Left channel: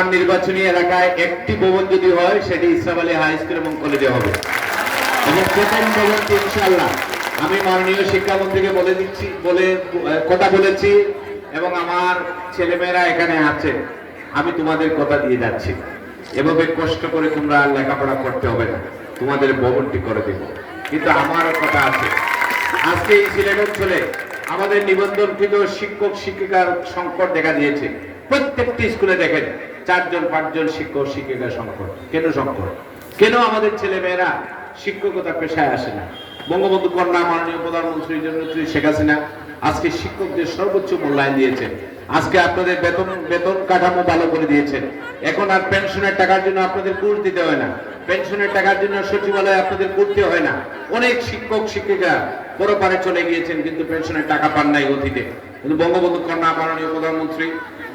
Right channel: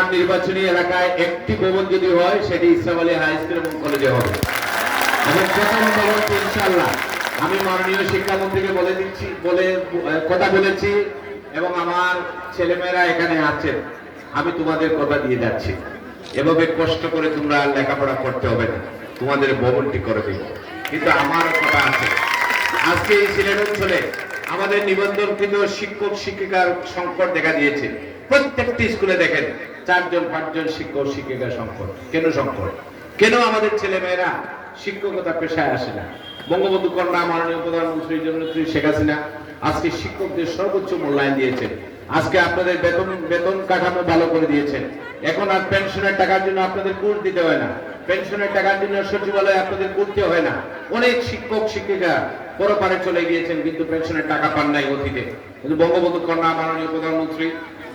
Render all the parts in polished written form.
আমার নির্বাচনী এলাকায় একটি ভবন যদি হয় সেটি ইসলাম আলী হাই স্কুল এবং কলেজে হবে। এবং প্রথম ভবনটি ইনশাআল্লাহ আমি মাননীয় শিক্ষামন্ত্রীকে বলে কথা বলেছি এবং আমার ছেলেমেয়েরা এখানে আছে, আমি তোমাদের কথা দিয়ে যাচ্ছি, এভাবে কষ্ট করে তোমরা লেখাপড়া করতে হবে না, তোমাদের ভবনটি করে দেব। কিন্তু আমারও কথা আছে, আজকে এই সিলেট অঞ্চলে আমাদের নিবন্ধনকৃত শিক্ষক শিক্ষিকার সংকট দেখা দিয়েছে। প্রত্যেকটি স্কুলে দেখেন 4-5 শিক্ষক শিক্ষিকার সংকট। কেন সংকট? কেন আমাদের ছেলে মেয়েরা শিক্ষকতা পেশায় আসে না? বঙ্গবন্ধু কন্যা মাননীয় প্রধানমন্ত্রী জননেত্রী শেখ হাসিনা আজকে শিক্ষকদের সর্বোচ্চ মূল্যায়ন দিয়েছেন। আজকে আপনাদের বেতন কাঠামো ভালো করে দিয়েছেন। এখন আর পেনশনের টাকার জন্য আপনাদের ঘুষ দিতে হয় না, পেনশনের টাকার জন্য সচিবালয়ে আপনাদের ঘুরতে হয় না। অনেক শিক্ষক শিক্ষিকা পরপারে চলে গিয়েছেন কিন্তু পেনশনের টাকা পান নাই অতীতে। কিন্তু বঙ্গবন্ধু কন্যা মাননীয় প্রধানমন্ত্রী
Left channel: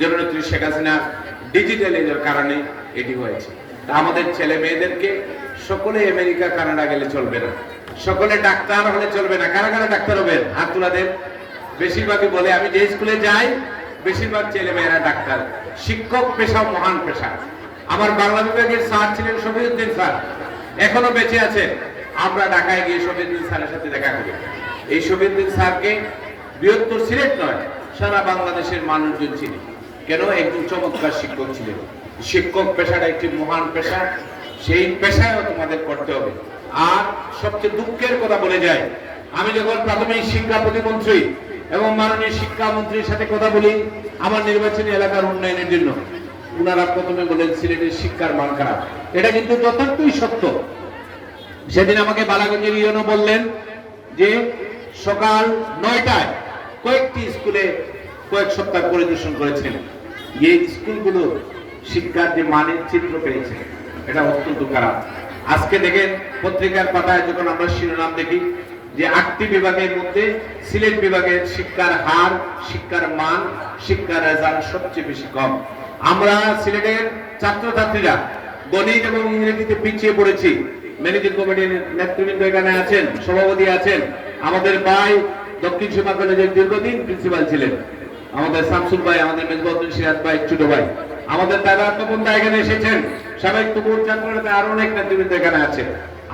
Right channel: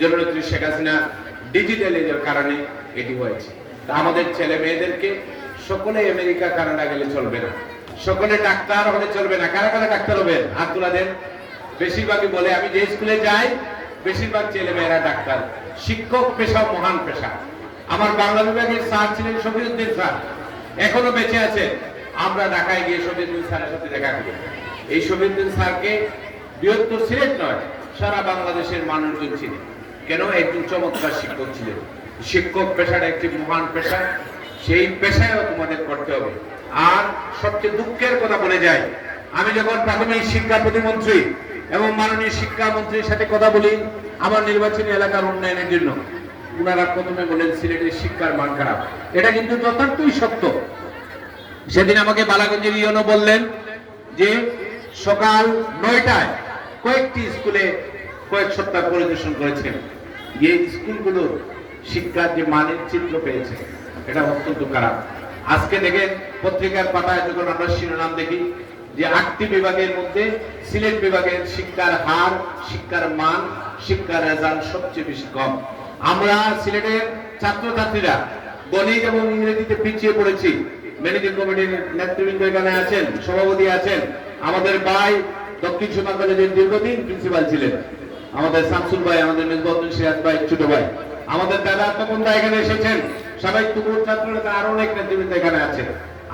জননেত্রী শেখ হাসিনা ডিজিটালের কারণে এটি হয়েছে। আমাদের ছেলে মেয়েদেরকে সকলে আমেরিকা কানাডা গেলে চলবে না, সকলে ডাক্তার হলে চলবে না। কারা কারা ডাক্তার হবেন হাত তুলে দেন। বেশিরভাগই বলে আমি যে স্কুলে যাই বেশিরভাগ ছেলে মেয়েরা ডাক্তার। শিক্ষক পেশা মহান পেশা। আমার বাংলা বিভাগের স্যার ছিলেন শফিউদ্দিন স্যার, এখনো বেঁচে আছেন। আমরা ঢাকায় গিয়ে শফিউদ্দিন স্যারের সাথে দেখা করি। এই শফিউদ্দিন স্যারকে বৃহত্তর সিলেট নয় সারা বাংলাদেশের মানুষজন ছিলেন। কেন? একজন চমৎকার শিক্ষক ছিলেন। শিক্ষক পেশাটা একটি মহান পেশা, সেই পেশায়ও তোমাদের করতে হবে। আর সবচেয়ে দুঃখের কথা বলে যায়, আমি যখন প্রাথমিক শিক্ষা প্রতিমন্ত্রী এবং মাননীয় শিক্ষামন্ত্রীর সাথে কথা বলি আমার নির্বাচনী এলাকার উন্নয়নের জন্য, উনারা প্রথমে বলেন সিলেটের শিক্ষার মান খারাপ। এটা কিন্তু যথার্থই সত্য। সেদিন আমাকে বালাগঞ্জের ইউনো বললেন যে সকাল 9টায় কয়েকটি স্কুলে কয়েক সপ্তাহ পরিদর্শন করেছেন, যে স্কুলগুলোর শিক্ষার যে মানের চিত্র পেয়েছে এটা অত্যন্ত খারাপ। আজকে দেখেন পত্রিকার পাতায় যখন আমরা শিরোনাম দেখি যে 8টি বিভাগের মধ্যে সিলেট বিভাগের শিক্ষার হার, শিক্ষার মান, শিক্ষার রেজাল্ট সবচেয়ে বেশি কম। আমরা সিলেটের ছাত্রছাত্রীরা গণিত এবং ইংরেজিতে পিছিয়ে পড়েছি। ম্যানেজিং কমিটির নেতৃবৃন্দ এখানে আছেন, সভাপতি আছেন। আমাদের ভাই দক্ষিণ সীমা কলেজের দীর্ঘদিন প্রিন্সিপাল ছিলেন, আমাদের শামসুল ভাই, আমাদের মেজবাউদ্দিন সিরাজ ভাই ছোট ভাই, আমাদের দাদা তপনদা এখানে এসেছেন, সাবেক তুমুল ছাত্রনেতা আরো অনেক নেতৃবৃন্দ এখানে আছে।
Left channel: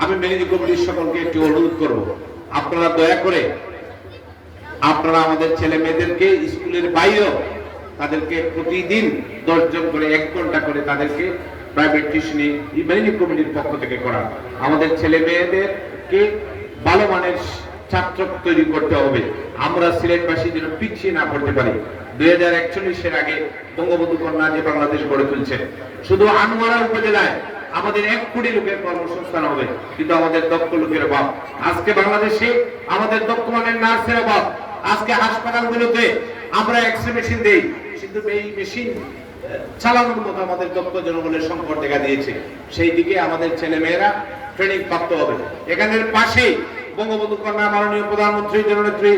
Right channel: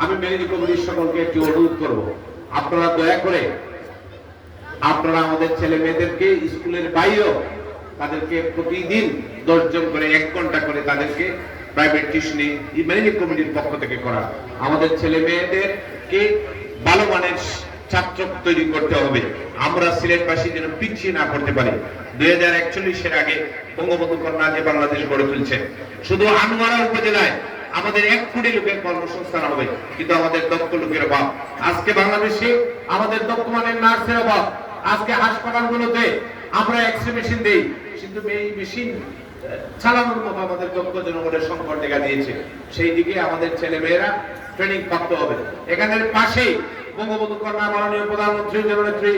আমি ম্যানেজিং কমিটির সকলকে একটি অনুরোধ করব, আপনারা দয়া করে আপনারা আমাদের ছেলে মেয়েদেরকে স্কুলের বাইরেও তাদেরকে প্রতিদিন 10 জন করে 1 ঘন্টা করে তাদেরকে প্রাইভেট টিউশনি ম্যানেজিং কমিটির পক্ষ থেকে করা। আমাদের ছেলে মেয়েদেরকে ভালো মানের ছাত্র তৈরি করতে হবে। আমরা সিলেটবাসী যেন পিছিয়ে না পড়তে পারি। 2041 আগে বঙ্গবন্ধু কন্যা যে বাংলাদেশ গড়ে তুলছে, শুধু আনোয়ারা উপজেলায় আমাদের 1 কোটি লোকের কর্মসংস্থান হবে, কিন্তু আমাদের দক্ষ লোকের অভাব। আজকে বাংলাদেশে আমাদের দক্ষ মানের নার্সের অভাব। আজকে হাসপাতালগুলোতে আমরা এক্সরে মেশিন দেই, কিন্তু এই মেশিন চালানোর মতো আমাদের দক্ষ জনগণের সংকট দেখা দিয়েছে। সেই দিকে আমাদের ছেলে মেয়েরা ট্রেনিং প্রাপ্ত হবে। এখানের পাশেই বঙ্গবন্ধু কন্যা মাননীয় প্রধানমন্ত্রী জননেত্রী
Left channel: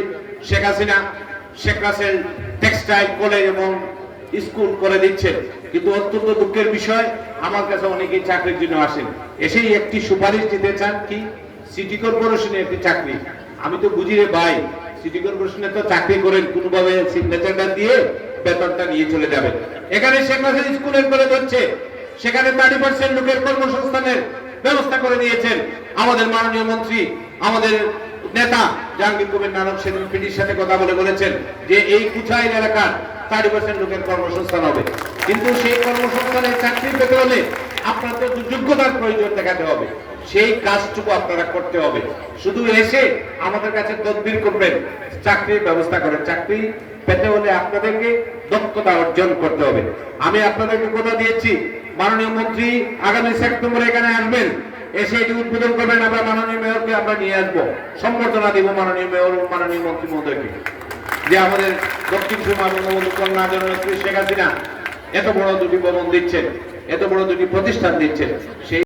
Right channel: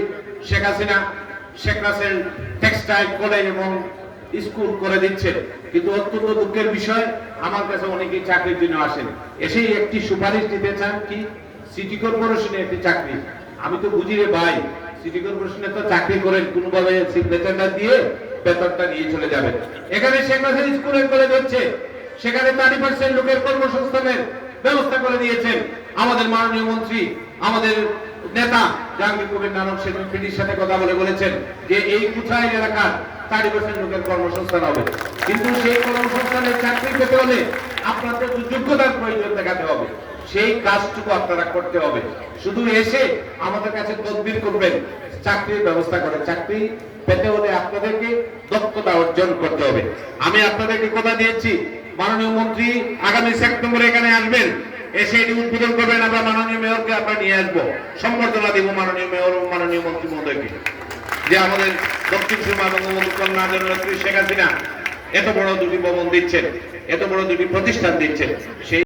শেখ হাসিনা শেখ রাসেল টেক্সটাইল কলেজ এবং স্কুল করে দিচ্ছেন। কিন্তু অত্যন্ত দুঃখের বিষয়, আমার কাছে অনেকেই চাকরির জন্য আসেন, এসেই একটি সুপারিশ দিতে চান কি সিটি কর্পোরেশনে একটি চাকরি। আমি তো বুঝি রে ভাই, সিটি কর্পোরেশনে তো চাকরি করেন কোনোভাবে সিগনেচারটা দিয়ে বেতনটা নিয়ে চলে যাবেন। এখানে শেখ রাসেল স্কুলের কলেজ হচ্ছে, সেখানে 30% লোকের কর্মসংস্থানের ব্যবস্থা করে দিয়েছেন আমাদের মাননীয় মন্ত্রী, আমাদের নেতা জাহাঙ্গীর কবির নানক। সেদিন পিডির সাথে কথা বলেছেন যে এই কুচাইল এলাকার 30% লোকের কর্মসংস্থান হবে। কিন্তু সেই কর্মসংস্থানের চাকরি পেতে হলে আপনাদের যোগ্যতার প্রয়োজন দেখাতে হবে, সেই কাজটুকু আপনারা করতে হবে। শুধু এসে আমাদের কাছে তদবির করবেন, চাকরির ব্যবস্থা করেন। চাকরি পেতে হলে আপনাদেরকে দক্ষতা অর্জন করতে হবে। আমি আপনাদেরকে কথা দিয়েছি, মাননীয় মন্ত্রী আগামী সেপ্টেম্বরে এখানে আসবেন, এসে এটি উদ্বোধন করবেন। আমরা মাননীয় মেয়রকে আমরা নিয়ে আসবো, সম্বর্ধনা দিব মাননীয় মেয়র ও মাননীয় মন্ত্রী মহোদয়কে, যে আমাদের দক্ষিণ সীমা বঙ্গবন্ধু কন্যা জননেত্রী শেখ হাসিনা এত বড় 2টি ভবন দিচ্ছেন, এত বড় 2টি প্রতিষ্ঠান দিচ্ছেন। সেই